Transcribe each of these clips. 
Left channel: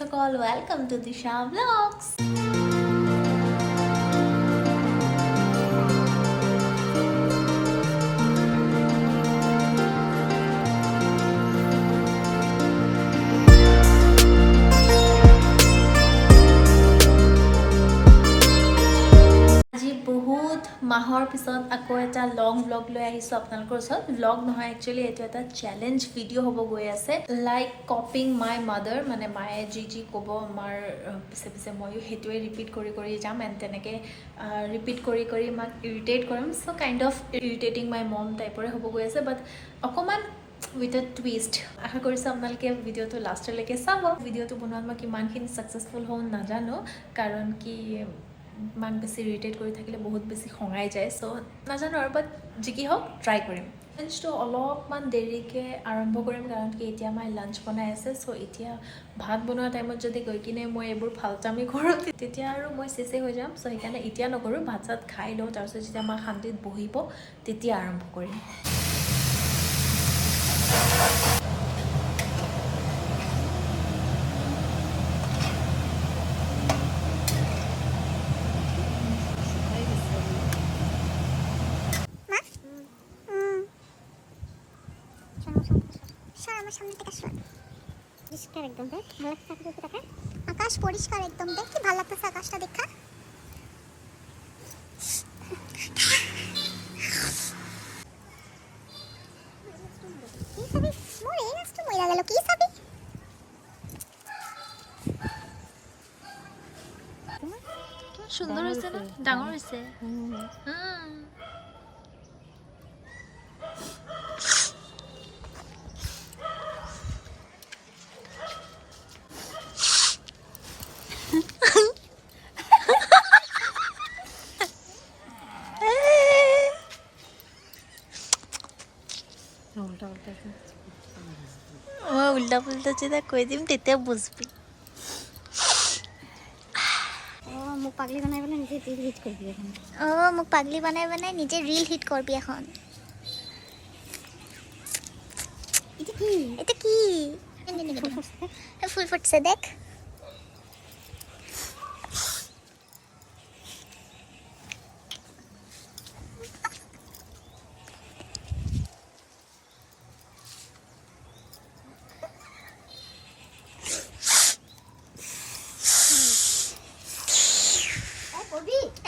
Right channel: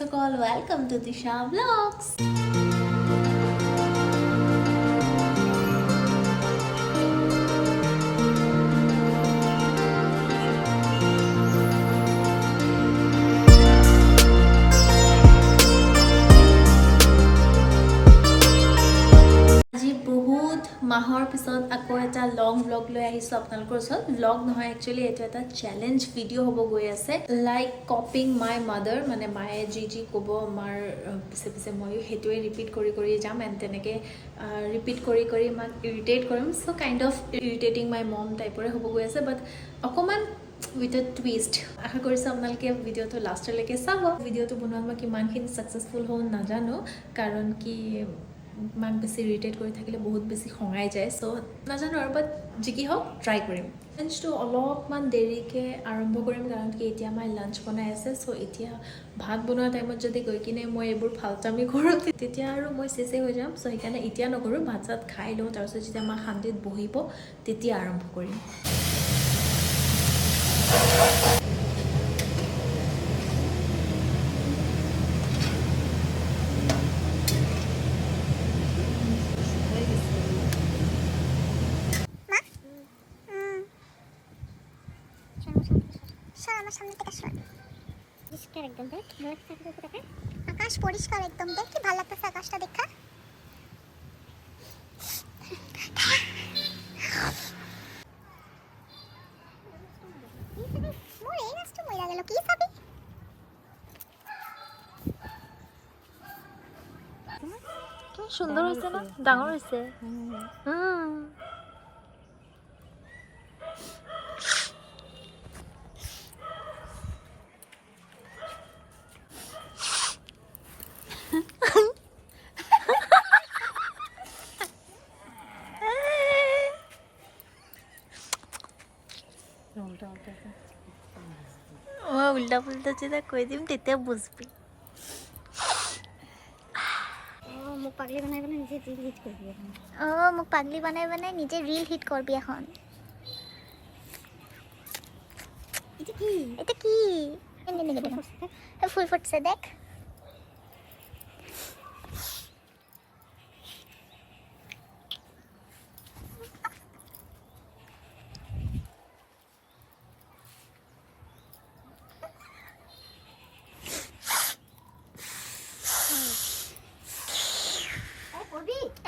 সকল, welcome to Disha blogs. আজি বহুত মাহৰ পিছত আকৌ এটা লং ব্লগ লৈ আহিছোঁ আপোনালোকৰ ওচৰত। ব্লগ নহয়, একচুৱেলি এইটো এটা চেলেঞ্জ ভিডিঅ' হ'ব গৈ আছে, লাইক কপিং মাই মাদাৰ, মানে মায়ে যি যি ক'ব আমাৰ পিছে পিছে ময়ো সেইটোৱে ৰিপিট কৰি কৰি যাম, এণ্ড তেনেকৈ ৰিপিট কৰি কৰি মাক ইৰিটেট কৰিম। চ' কাইণ্ড অফ ইৰিটেটিং মাই মম টাইপৰে হ'ব গৈ আছে, বাট অকণমান উইথ এ টুইষ্ট। আশা কৰিছোঁ আপোনালোকে ভিডিঅ'টো লাষ্টলৈকে চাব। ভিডিঅ'টো বনোৱাত মই কিমানখিনি ছাকচেছফুল হওঁ নাজানো, কাৰণ কি মাক বেছি ইৰিটেট কৰি থাকিলে বহুত বেছি খঙাই যায়। চ' নাজানো আৰু, বাট যি কি হওক ট্ৰাই কৰিম। লাঞ্চটো অলপমান দেৰিকৈ আৰম্ভ কৰিম, কাৰণ কি এতিয়া মায়ে লাঞ্চ বনাই আছে। চ' এতিয়া ভাত বনোৱা টাইমত যদি গৈ কিনে মই এইবোৰ ফাল্টামি কৰোঁ তেতিয়া আৰু মই চেচে হৈ যাম। চ' সেইকাৰণে এতিয়া নকৰোঁ, ভাত চাত খাই লওঁ, তাৰপিছত যেতিয়া মা শান্তিত বহিব তেতিয়া আৰম্ভ কৰিম। আকাশ পরিষ্কার একদম, দেখ কি ভালো লাগতেছে আকাশটা দেখা। সুন্দর হয়েছে না, ডাঙর হয়েছে। উল্টা পুল্টা যেটা কই দিম তেতিয়া বুঝবি। মোক পাগলি বনাই বনাই নিজে রিল হিট করবি এখন। মোক পাগলি বনাই বনাই নিজে রিল হিট করবি এখন। এটা কি ফুল ফুটছে দেখ।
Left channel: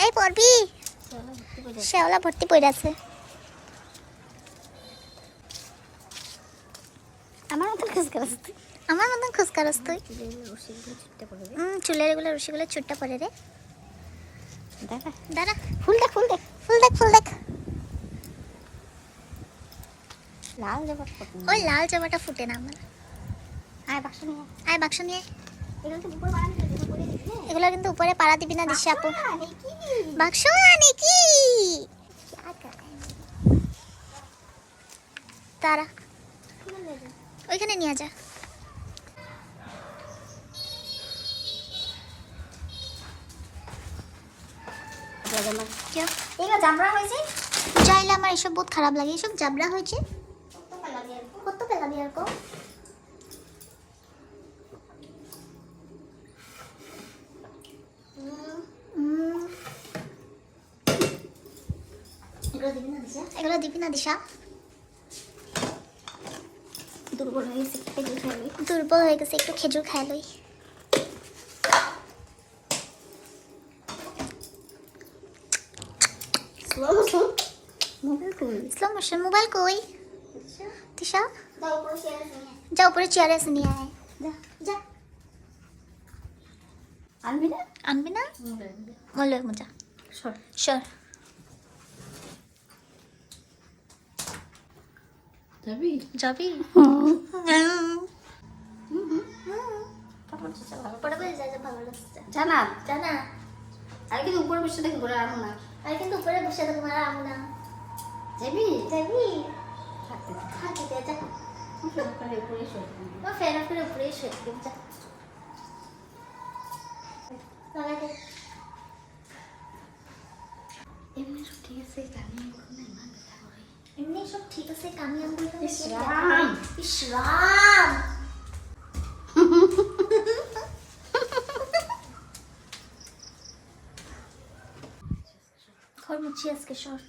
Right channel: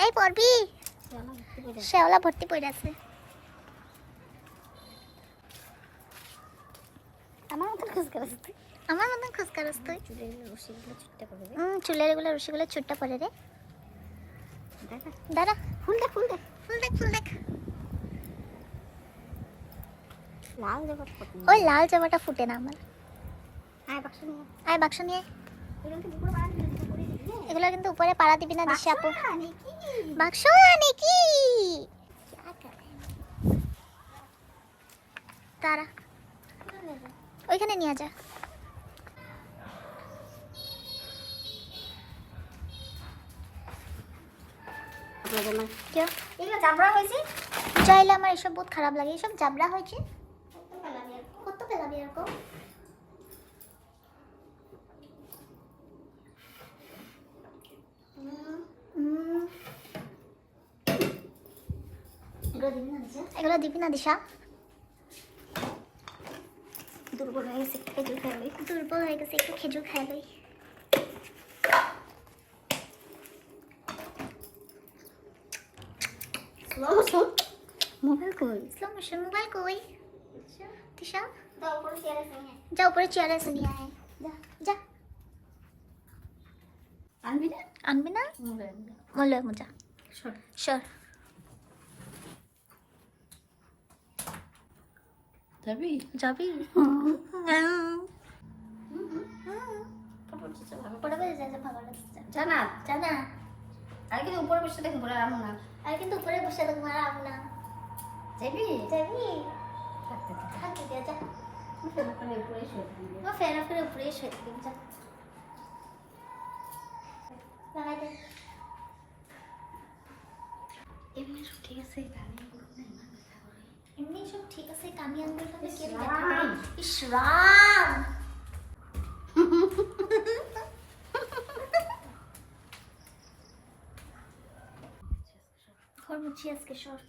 এই পড়বি, শেওলা ভর্তি পড়ে আছে। আমার মতন খুশকারস তুই। চুলের এগুলো রশিগুলো ছুট্টা পড়ে রে। দাঁড়া, ফুল দেখ ফুল দেখ ফুল দেখ ফুল দেখ। ওই লাল জামাটা ফুটে না আমার। আয় বাক্স নিয়ে। এগুলো কিন্তু উপরে পাড়া দিবি না দিশা আপু। বাক্স নাকি তারা ওইখানে নিয়ে যা। চাইলে আমার এসব বহুত খারাপ লাগে, এসব জাবরা হয়েছে। কত পেলাবি আর কো। এগুলো দিবি না দিশা। দুর্বল হয়ে গেছে, একটু খেজুর খাই লই। স্লো মোশন মোবাইল কই দিশা। যা উপরে চেয়ারে এসে নিয়ে আয়। যা আনবি না মলে মজা সর। যাবি জানা জানা। আর কিন্তু উপরে বসে দেখবো না, আমো না। আর কিন্তু উপরে বসে দেখবো না, আমো না। যাবি যাবি থাকি দে যা। ফ্যান অফ করে উপরে শুয়ে দিব যা। লাগা দে। এমনি সব ঠিক আছে, এমনি সব ঠিক আছে, কামিয়ান বলতে ইসরাম। দিচ্ছি আজকে সর।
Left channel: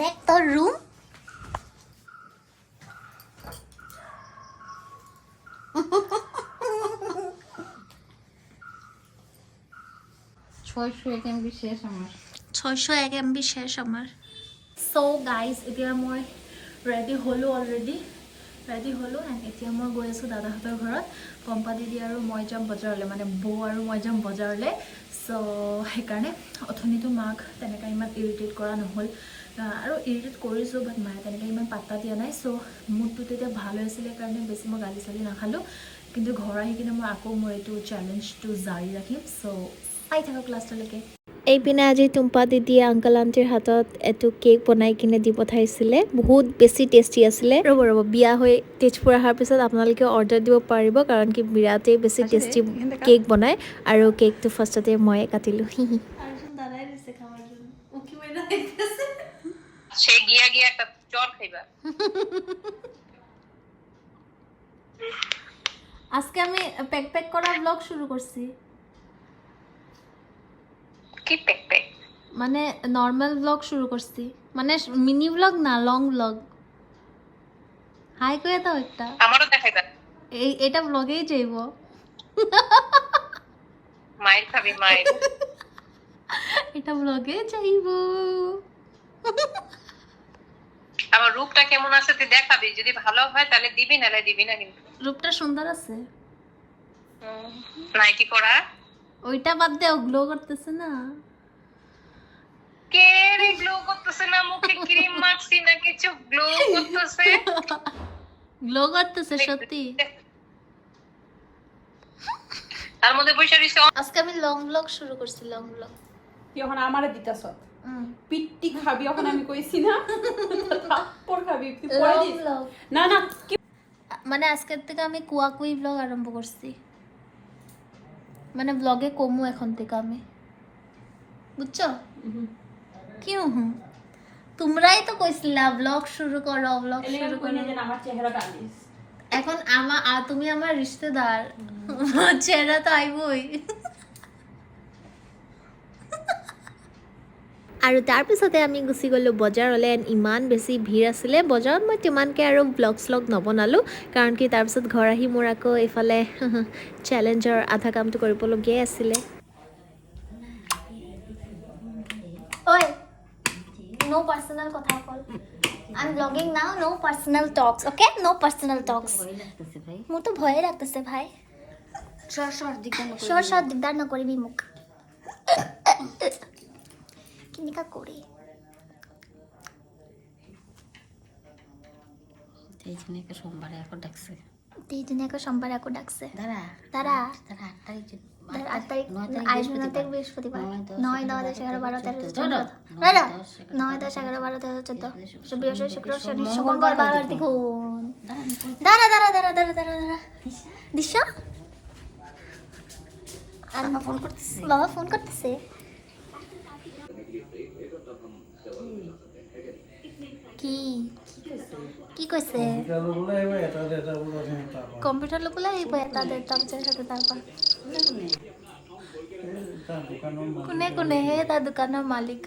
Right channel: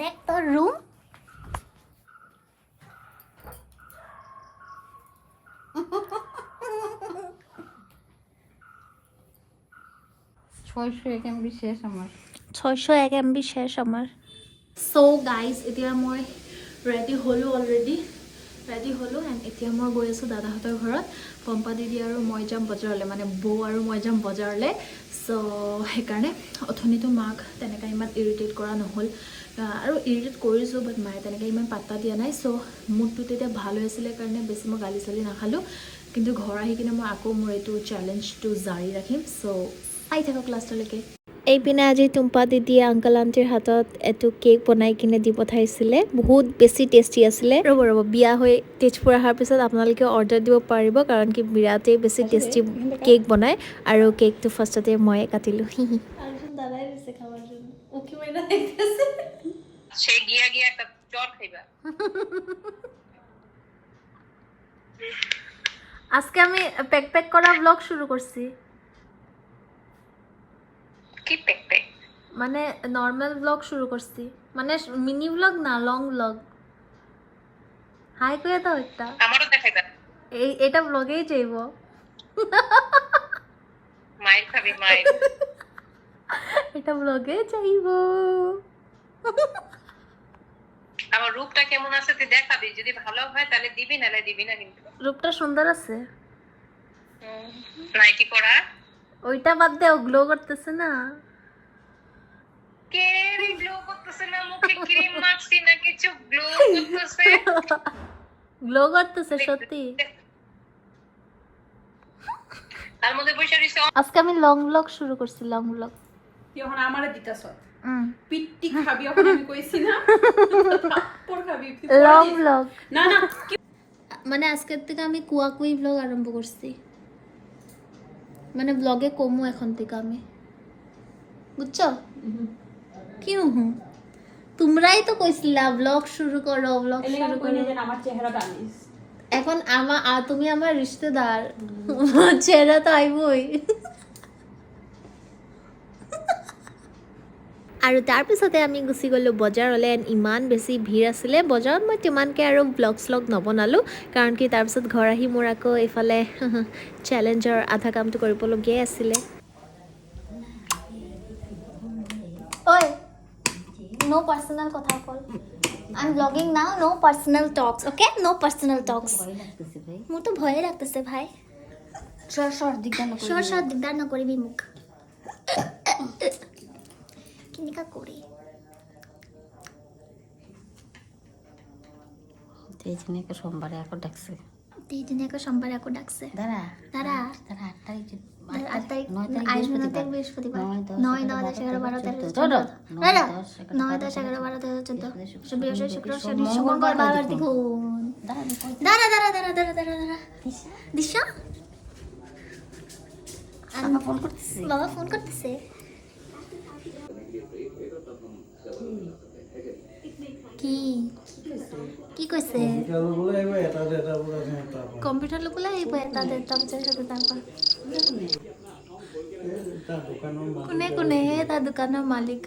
দেখ তোর রুম। শেষ আমার 601 MB শেষ আমার। সো গাইজ এতিয়া মই ৰেডি হ'লোঁ অলৰেডি, ৰেডি হ'লোঁ এণ্ড এতিয়া মই গৈ আছোঁ দাদাহঁতৰ ঘৰত। পম্পা দিদি আৰু মই যাম বজাৰলৈ, মানে বৌ আৰু মই যাম বজাৰলৈ। চ' সেইকাৰণে অথনিতো মাক তেনেকৈ ইমান ইৰিটেট কৰা নহ'ল, আৰু ইৰিটেট কৰিছোঁ বাট মায়ে তেনেকৈ ইমান পাত্তা দিয়া নাই। চ' মুডটো তেতিয়া ভাল হৈ আছিলে কাৰণে বেছি মই গালি চালি নাখালোঁ, কিন্তু ঘৰ আহি কিনে মই আকৌ মোৰ এইটো চেলেঞ্জটো জাৰি ৰাখিম। চ' চাই থাকক লাষ্টলৈকে। এইপিনে আজি টুম্পা দিদিয়ে আংকল আণ্টিৰ হাতত এইটো কেক বনাই কিনে দি পঠাইছিলে, বহুত বেছি টেষ্টি আছিলে। ৰ'ব বিয়া হৈ তেজপুৰ অহাৰ পিছত আপোনালোকে অৰ্ডাৰ দিব পাৰিব, কাৰণ কি বিৰাটেই বেছি টেষ্টি কেক বনায়। আৰু কেকটো ফাৰ্ষ্টতে ময়ে কাটিলোঁ। আজকে আমি প্যাক করা ব্লগ শুরু করছি। কি প্যাক মানে নর্মাল ব্লগ শুরু করছি, মানে মিনি ব্লগ না, লং ব্লগ। হাই কয়ে দাও একটা, আমারও দেখাইবা। এটা ব্লগেই যাইব। মায়ের খাবি মায়ের। এটা ব্লগে যাইব। আমার রূপটা কেমন আছে তুই দেখাবি, যদি ভালো হয় তাহলে দিবি, নালে দিবি না। কিন্তু রূপটা সুন্দর আছে। নাইটি পরা ওইটা বাদ দেও, গ্লো করতেছে না। কে রে গ্লো করতেছে না? মুখে ক্রিম মাখছি না কিছু, গ্লো করতেছে। গ্লো করতেছে সত্যি। তার মধ্যে পয়সা দিছে। আজকে আমি লং ব্লগ শুরু করছি, লং ব্লগ। এখন আমারে দিতাছ পিট্টি খাবি, এখন আমি কইছি না থাপ্পড় খাবি তুই পরে লং দিস। ব্লগ না না মানে আজকের থেকে আমি কুয়াকুই ব্লগ আরম্ভ করছি, মানে ব্লগে কমু এখন থেকে আমি, বুঝছো? কি হুম, তোমরাই তো কইছিলা ব্লগ শুরু করো, ব্লগ শুরু করো। আমার চেহারাটা আনিস এখন তুমি আমার রিশতেদার, চেহারা তো আইবই। আৰু তাৰপিছতে আমি গুচি গ'লোঁ বজাৰলৈ। এণ্ড ইমান বেছি ভিৰ আছিলে বজাৰত, মই তিমানকৈ আৰু ব্লগ শ্লগ নবনালোঁ, কাৰণ কি তাৰপিছত ঘৰ আহি মোৰ আকৌ এইফালে চেলেঞ্জৰ আধা কামটো কৰিবলগীয়াই আছিলে। ঐ নো পাৰ্চনেল কথা কল, I am blogging now, no personal talks, okay? No personal talks. মোৰতো ভয়ে লাগতেছে ভাই। সৰ দিগদাৰ নকৰিবি মোক। কেনেকা কৰি এইজনীকে সোমবারে আকৌ ডাকছে। দুইদিনীয়াকৈ সোমবাৰে আকৌ ডাকছে। দাদা 8 তাৰিখ আইজনতে বৃহস্পতিবাৰ, 9, 10, 11, 12, 13, 14, 9, 10, 11, 12, 13, 14, বৃহস্পতি, শুক্র, শনি, মঙ্গল, বারবার দেখুন। দাঁড়া দিশা, বাবা ফোন করতেছে। কি কৈছে? কম্পিউটাৰ ল'বলৈ আহিব এটা ডেৰটা বজাৰ সাথে। তাৰপৰা কোনে হে তাৰ দোকানৰ মালিক,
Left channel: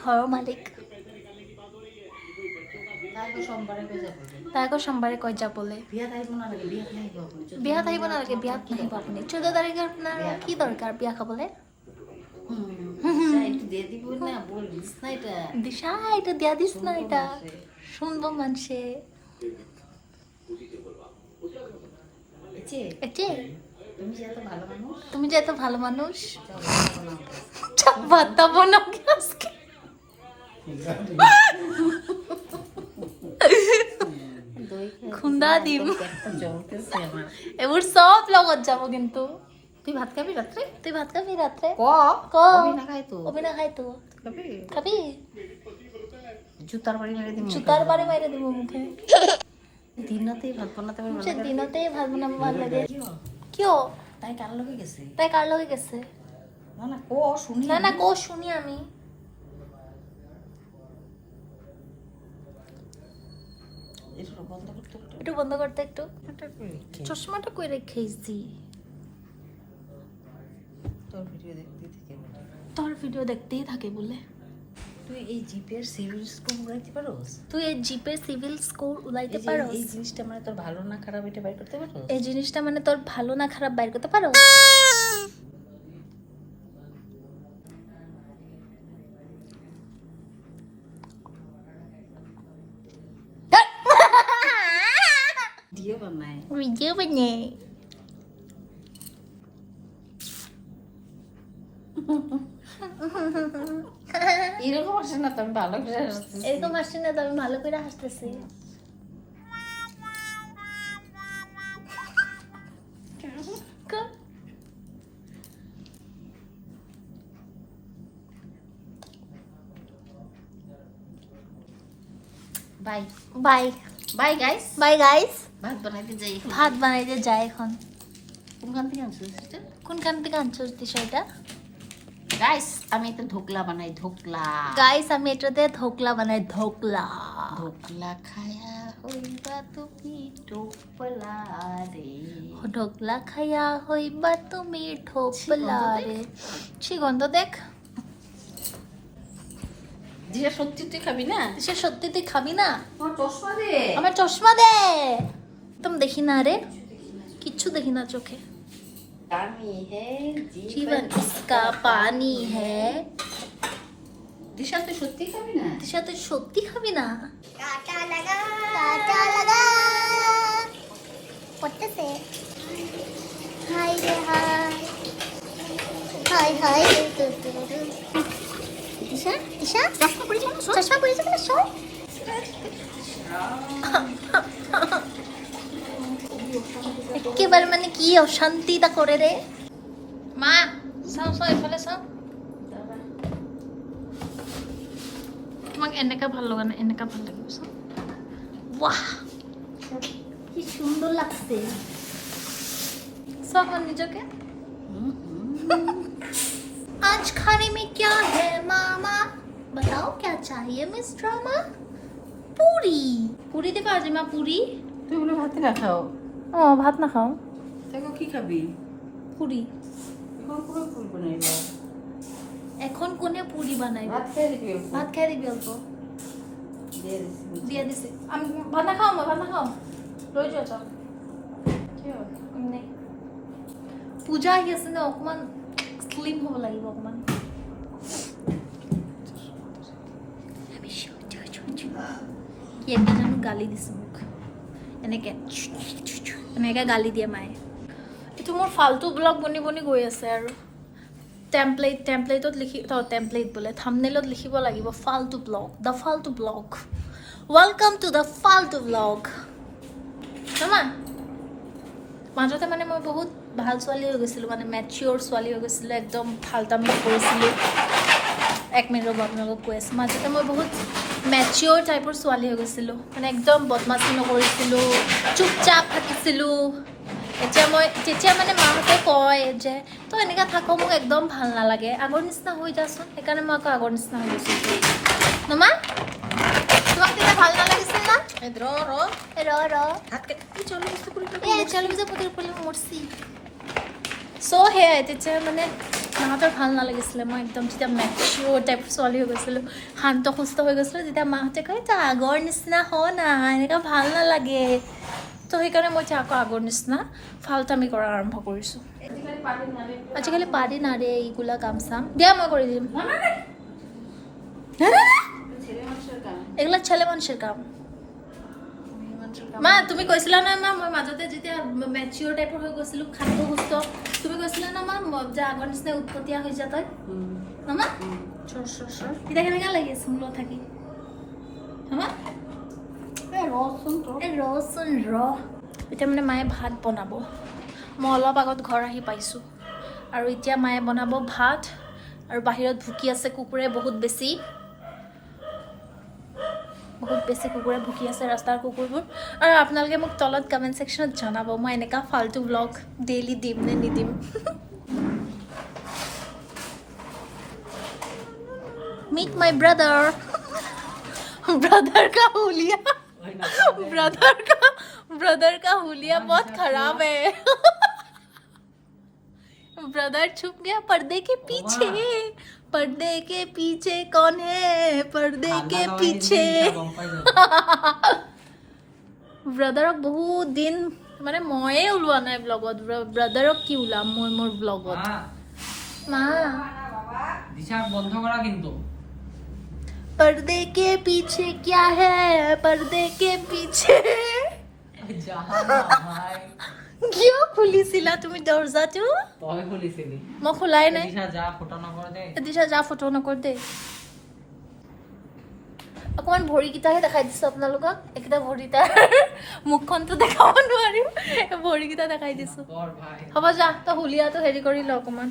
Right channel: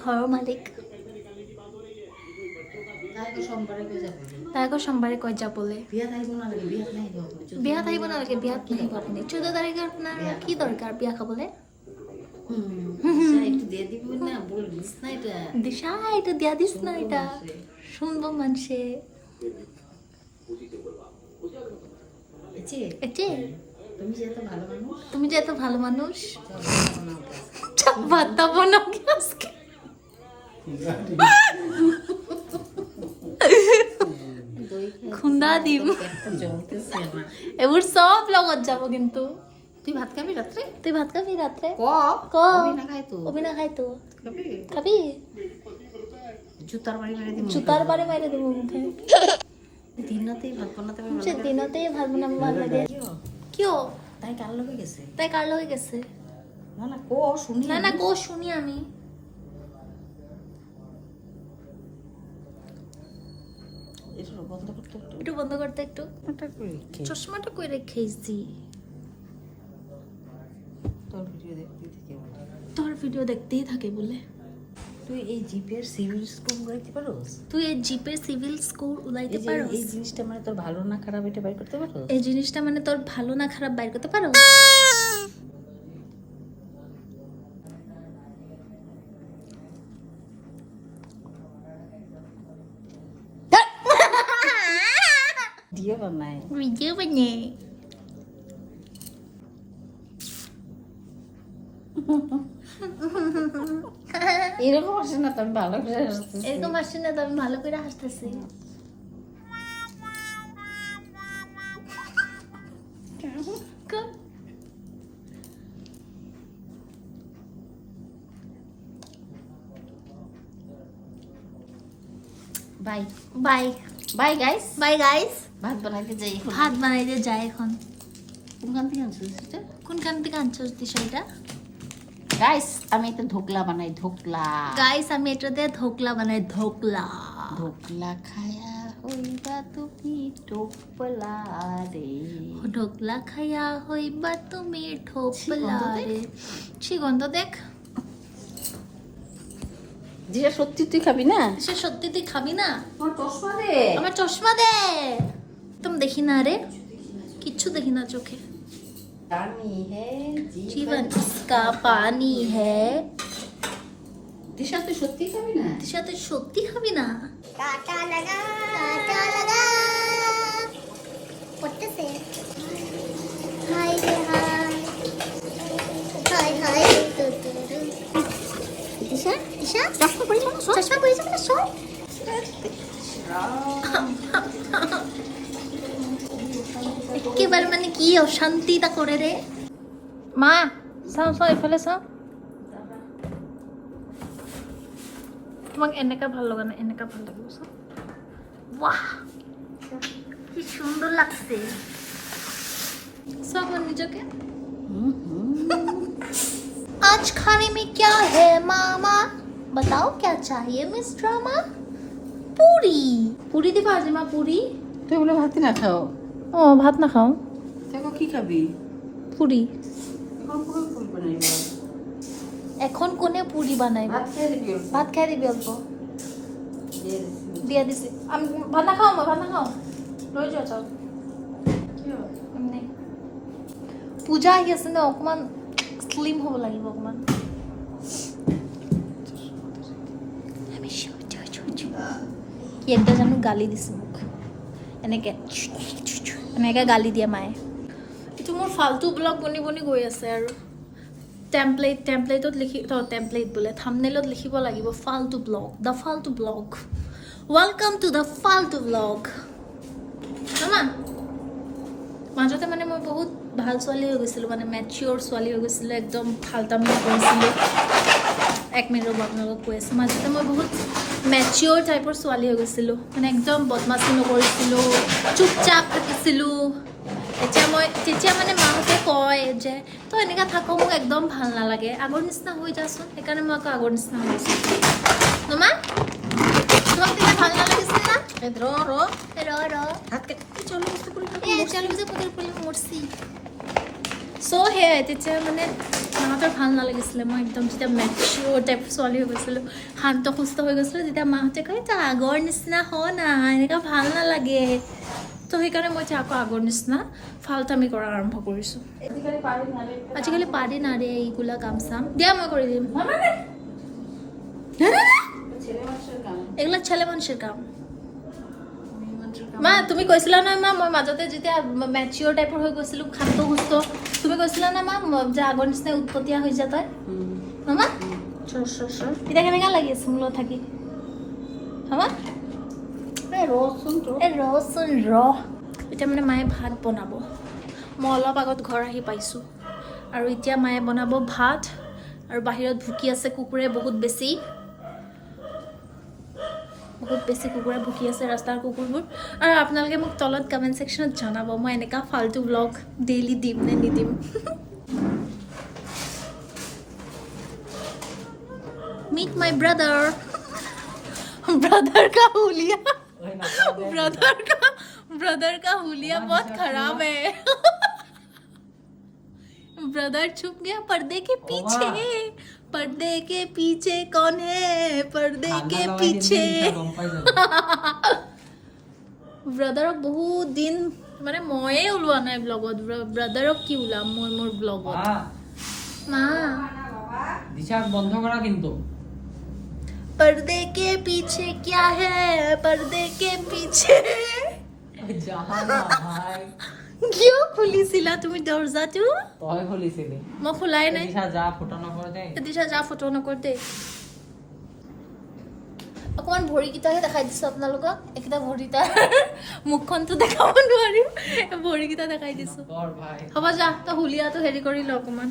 ঘৰৰ মালিক। তাই আকৌ সোমবাৰে কৈ যাবলৈ। বিয়াত আহিব নালাগে, বিয়াত নাহিব আপুনি। 14 তাৰিখে আপোনাৰ কি দৰকাৰ বিয়া খাবলৈ? দিশা এটা দিয়া দিস না, এটা শুনবো মানুষে। তুমি যে এত ভালো মানুষ, ভাতটা বানাও আজকে। খুন্দা দিম, এবার সব লগত যাব। কিন্তু তুই ভাত খাবি রাত্রে? তুই ভাত খাবি রাত্রে? অবিনা খাই তো খাবি? জুতার বাড়ি মেরে দিবি। জুতার বাড়ি মাইরে দিব মুখে। দিনতেই ভাত বানাতে পারবে না। দিনতেই ভাত বানাবো ভালো লাগে। কিয়? তাই কার লগে গেছে? তাই কার লগে গেছে? না কো শুনি। না কো শুনি আমি। বন্ধ করতে একটু একটু বন্ধ করতে একটু এটা করে একটু। চশমাটা কই রেখেছি তোর ভিডিও দেখতে থেকে তোর ভিডিও দেখতেই থাকে বলে তুই এই জিপের সিভিল স্কোর উড়াইতে পারোস? তুই এই জিপের সিভিল স্কোর উলাইতে এই যে পারোস? এই জিনিসটা মানে তোর ভালো না খারাপ এটা বের করতে পারোস? এই জিনিসটা মানে তোর ভালো না খারাপ বাইর করতে পারো? দিয়ে বানায় ভিডিও বানিয়ে এরকম আসে না তো আমি ভালো করে হাসতেছি। এরকম আসছে না তো আমি ভালো করে হাসতেছি। Bye bye bye guys. Bye guys. ভাত বানাইতে যাই এখন। ভাত বানাইতে যাই এখন। কোনখান থেকে আনছিস এটা? কোনখান থেকে আনছো দিশাটা? গাইস আমি এটা ধোকলা বানাই, ধোকলা। গাইস আমি এটাতে ধোকলা বানাই, ধোকলা। ধোকলা খায়া হইবা তুমি টোপলা রে। ঢোকলা খাইয়া হইবা তুমি ঠোপলা রে। ছি গন্ধ দেখ। যেটা সত্যি তুই খাবি না? সে সত্যি তুই খাবি না? আমার চশমা দে। আমার চশমা দে। একদম দেখি না রে, কিচ্ছু দেখি না চোখে। পানি হে जीवन इसका पानी है। দিশা তুই সত্যি খাবি না? দিশা তুই সত্যি খাবি না? কাটা লাগা, কাটা লাগা। করতেছে হাই রে হাই। হাই হাই দিশা দিশা চশমা পরিস না? চশমা পরেছে না সব। একেবারে মানে কি অশান্তিটা করে রে মা। চাও চাও এইফালে চাও। তোমাক এনেকা ভাল লগা নাই, এনেকা ভাল লাগিব চাও। বাহ কি সুন্দর লাগছে। চাও আমার নিজকে। आज खाने में क्या है मामा? बताओ क्या चाहिए मिस ड्रामा? पूरी। पूरी दिबा আজি মা पूरी। তুই বলে ভাত না খাও? ও ভাত না খাও, দেখো কি খাবি? পুরি। এখন পুরো ফুল বানাইব। এখন কোনে পুরি বানাইব? ভাত খেয়ে দিবি অল্প। ভাত খাই দিবি অল্প। দিয়ে দিছি। দিয়া দিছে। আমি ভাত না খাও, মা ভাত না খাও। লৈ যোৱা চাও। কিয়? এমনি পূজা আহি আছে ন, অকমান স্লিম হ'ব লাগিব অকমান। একদম জানো গালি দিছে মোক এনেকে এনেকে গালি দিয়ে মায়ে। এইটো মোৰ ফাল্টু ব্লগ বনি বনি গৈ আছে আৰু টেম্পলেটত লিখি টেম্পলেট বোলে থাম্বনেইলত লিখিব লাগিব ফাল্টু ব্লগ, দ্য ফাল্টু ব্লগ। ৱেলকাম টু দ্য ফাল্টু ব্লগ। মামা মাজতে মানে মই বহুত ভাল ছোৱালী হৈ গৈছিলোঁ, মানে মেচিয়ৰ ছোৱালী হৈ গৈছিলোঁ, একদম ফাল্টামি কৰিছিলোঁ। এক মিনিট ৰ'ব আপোনালোকক কৈ আছোঁ। মাজতে মই বহুত মেচিয়ৰ টাইপৰ ছোৱালী হৈ গৈছিলোঁ, মানে একদম বদমাচি নকৰিছিলোঁ, চুপচাপ থাকিছিলোঁ। তেতিয়া মানে মাহঁতে কয় যে তই এনেকুৱা থাক, মোক একদম ভাল নালাগে, আগৰ নিচিনা হৈ যাচোন। সেইকাৰণে মই আকৌ আগৰ নিচিনা হৈ গৈছোঁ। মামা তোমাক তেতিয়া ভাল নালাগিছিল না? ৰ ৰ ৰ ভাত খাই চলে বস্তু কৰি টেলিভিজন পুতুল মৰছি। চ' সেয়াই তেতিয়া মানে মাহঁতৰ ভাল নালাগিছিলে। মই একদম যেতিয়া মেচিয়ৰ টাইপ ছোৱালী হৈ গৈছিলোঁ, শান্ত সুস্থ হৈ গৈছিলোঁ, তেতিয়া মাহঁতে কয় তই আগৰ নিচিনা হ না, এনেকুৱা ভাল নালাগে। তো সেইকাৰণে মই এতিয়া আকৌ আগৰ নিচিনা ফাল্টামি কৰা আৰম্ভ কৰিছোঁ। আজিকালি পাৰি নাৰে এইগুলা কাম চাম। দিয়া মই কৰি দিম। এগুলা ছেলে মানুষের কাম। মা তুমি কৈছিলা না মা, মই মাজতে যেতিয়া মেচিয়ৰ টাইপৰ হৈ গৈছিলোঁ, শান্ত সুস্থ, তুমি কৈছিলা না মা যে আগৰ নিচিনা উৎপতীয়া হৈ যা তই। মামা এতিয়া কেনেকুৱা লাগি আছে মোৰ লগত থাকি? মামা ৰচোন ৰচোন ৰ। এতিয়া মানে মায়ে ভাত বনাব। মই অলপ আগত ঘৰ আহি পাইছোঁ আৰু এতিয়া মায়ে বনাব ভাত। আৰু বাহিৰত ভুকি আছে কুকুৰে বহুত বেছি কুকুৰে ভুকি আছে, ৰাস্তাৰ কুকুৰবোৰ। আৰু আপোনালোকে মোক তলত কমেণ্ট ছেকশ্যনত জনাব মই এনেকুৱা ফাল্টু ব্লগ ডেইলি দিম নে নিদিম। Meet my brother. ব্ৰাদাৰ কা হুলিয়া। ब्रदर का हुलिया बहुत खराब है। ब्रदर छुप गया पर्दे के पीछे। पर्दे के पीछे कौन है? पर्दे के पीछे ব্ৰাদাৰক বহুত দিন মানে ময়ে ওলোৱা নাই ব্লগত। ব্ৰাদাৰক কি ওলাম মই মোৰ ব্লগত। মা দিশা বন্ধ করা কিন্তু पर्दे के पीछे क्या है? पर्दे के पीछे যাহা না ভাই কিয় খুলিছিলা তুমি দরজাটো? তই খুলিছিলি মই খোলাই নাই। দিশা যা ফটো নকৰ দে দিশা যা ফটো নকৰ দে। অকমান ভৰিকেইটাহে দেখাই দিছো আপোনালোকক। এইকেইটা ভৰিটা মুখখনতো দেখাব নোৱাৰিম, ভৰিকেইটা দেখাই দিছো। কৰ ভাই হ'ব যা, তই হুলিয়াটো হেৰি কৰি ল অকমান।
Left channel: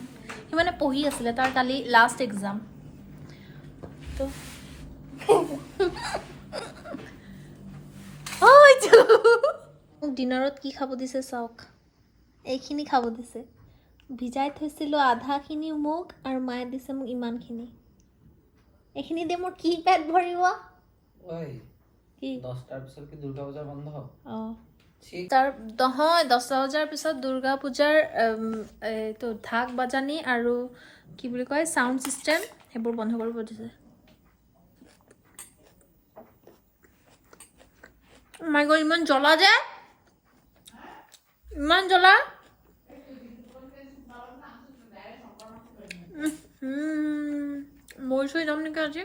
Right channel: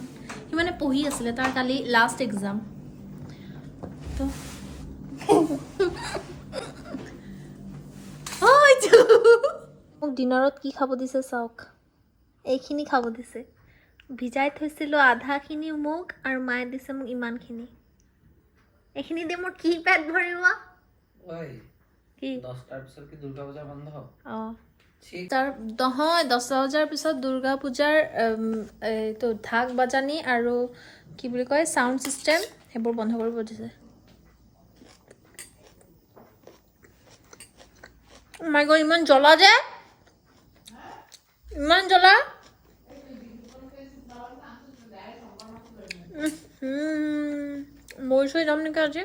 সি মানে পঢ়ি আছিলে, তাৰ কালি লাষ্ট এক্সাম। তো মোক ডিনাৰত কি খাব দিছে চাওক। এইখিনি খাব দিছে। ভিজাই থৈছিলোঁ আধাখিনি মোক, আৰু মায়ে দিছে মোক ইমানখিনি। এইখিনি দিয়ে মোৰ কি পেট ভৰিব? ওই কি 10টার পিছত কি দুর্গা পূজা বন্ধ অঁ ঠিক তাৰ নহয় 10,000 পিছত দুৰ্গা পূজাৰ এইটো ঢাক বাজানি আৰু কি বুলি কয় চাউণ্ড ছিষ্টেম সেইবোৰ বন্ধ কৰিব দিছে। মাই গড ইমান জ্বলা যে, ইমান জ্বলা। মই চুই যাম নেকি আজি।